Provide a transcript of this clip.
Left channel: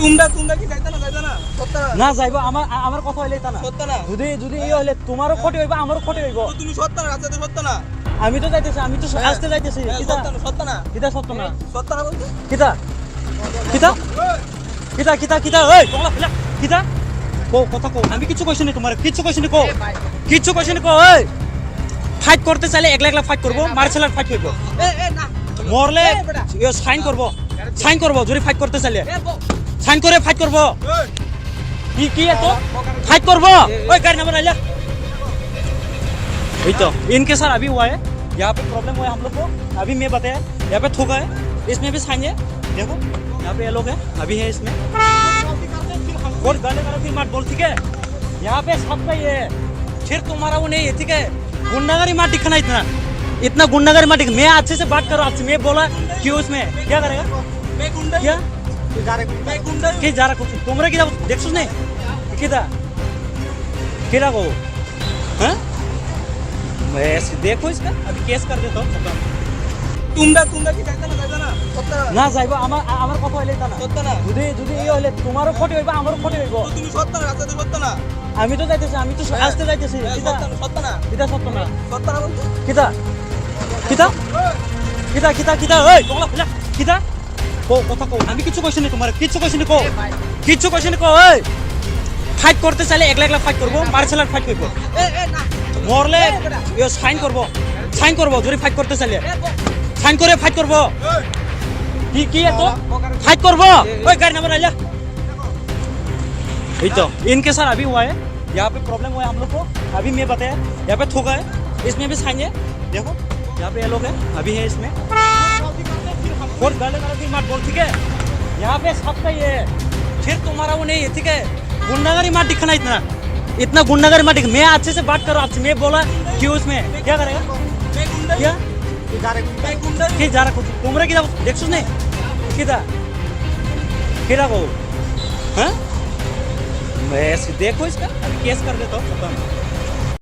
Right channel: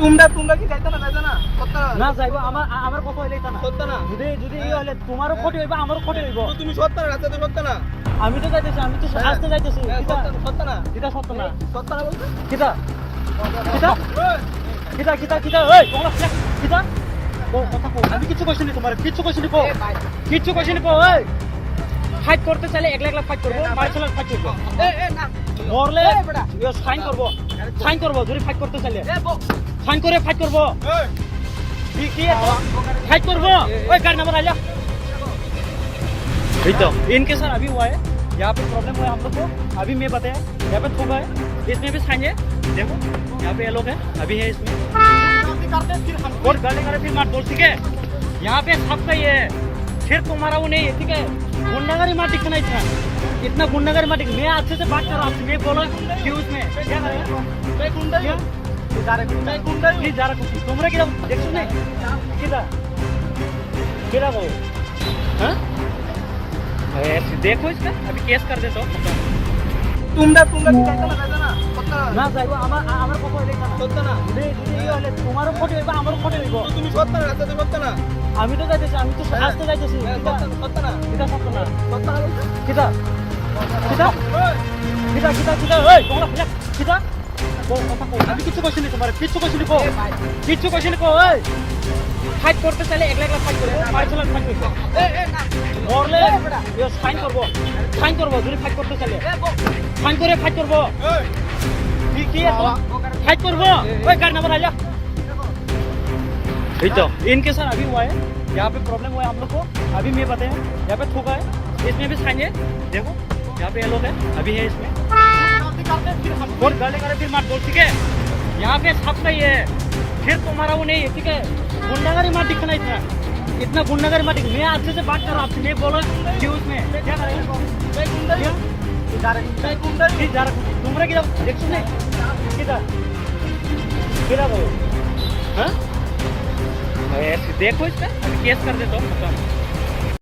তোমরা কি যাইতা না সত্য না যাইবো আমার কথা হইলে তা না সত্য না যদি এই হইলে তোমারও ক্ষতি হইবা আমারও ক্ষতি হইব তো তুমি সত্য না রাস্তাতে সত্য না আমি তো যাইতেছি আমি তো আসতে যাইতেছি সত্য না কিতা সত্য না সত্য না বলতে কিতা কিতা কিতা কিতা কিতা ওই কলা কিতা কো কথা কো আমি কিছু কইছি না তোমার কিছু কইছি না কো কিছু কইছি না কো ওই ফাইট করতে চাইলে একলা একলা ফাইট করব মার্শাল আর্ট ফাইট করব এ না মরলে সাইন করব যদি ফাইট করতে চাইলে সাইন করে ফাইট করব কি এত फाइट कर वो ओए गाड़ी नंबर आ जा तो इनके साथ अभी हुआ है यहाँ पे प्रॉब्लम हुआ है हम लोग को अभी मैं बताया यहाँ पे थूका है इसमें भी साइन है देखो यहाँ पे ये लोग है अभी है इसमें और गाली करे फिर मत बोल ठीक है यहाँ पे सबका ये है फिर तुम्हारा वो नहीं है ठीक है गुंडागरी मत दिखना इतना गुंडागरी मत दिख मैं अच्छे से बात कर रहा हूँ मैं बोला क्यों उसमें क्या करेगा मैं गुंडा क्या मैं गुंडा কি যারা করছিস তোমরা কি দেখছস না কিদা কেরা গো হ্যাঁ ऐसे देखो इसका अभी केस कर देता हूं खत्म তোমরা কি যাইতা না সত্য না যাইবো আমার কথা হইলে তা না সত্য না যদি এই হইলে তোমারও ক্ষতি হইবা আমারও ক্ষতি হইব তো তুমি সত্য না রাস্তাতে সত্য না আমি তো যাইতেছি আমি তো আসতে যাইতেছি সত্য না কিদা সত্য না সত্য না বলতে কিদা কিদা কিদা কিদা কিদা ওই কলা কিদা কো কথা কো আমি কিছু কইছি না তোমার কিছু কইছি না কো ওই ফাইট করতে চাইলে একলা একলা ফাইট করব মার্শাল আর্ট ফাইট করব এ না মরলে সাইন করব যদি ফাইট করতে চাইলে সাইন করে ফাইট করব কি এত फाइट कर वो ओए गाड़ी नंबर आ जा तो इनके साथ अभी हुआ है यहाँ पे प्रॉब्लम हुआ है हम लोग को अभी मैं बताया यहाँ पे थूका है इसमें भी साइन है देखो यहाँ पे ये लोग है अभी है इसमें और गाली करे फिर मत बोल ठीक है यहाँ पे सबका ये है फिर तुम्हारा वो नहीं है ठीक है गुंडागरी मत दिखना इतना गुंडागरी मत दिख मैं अच्छे से बात कर रहा हूँ मैं बोला क्यों उसमें क्या करेगा मैं गुंडा क्या मैं गुंडा কি যারা তোমরা কি দেখছস না কিদা কেরা গো হ্যাঁ मैं ऐसे देखो इसका केस कर देता हूं खत्म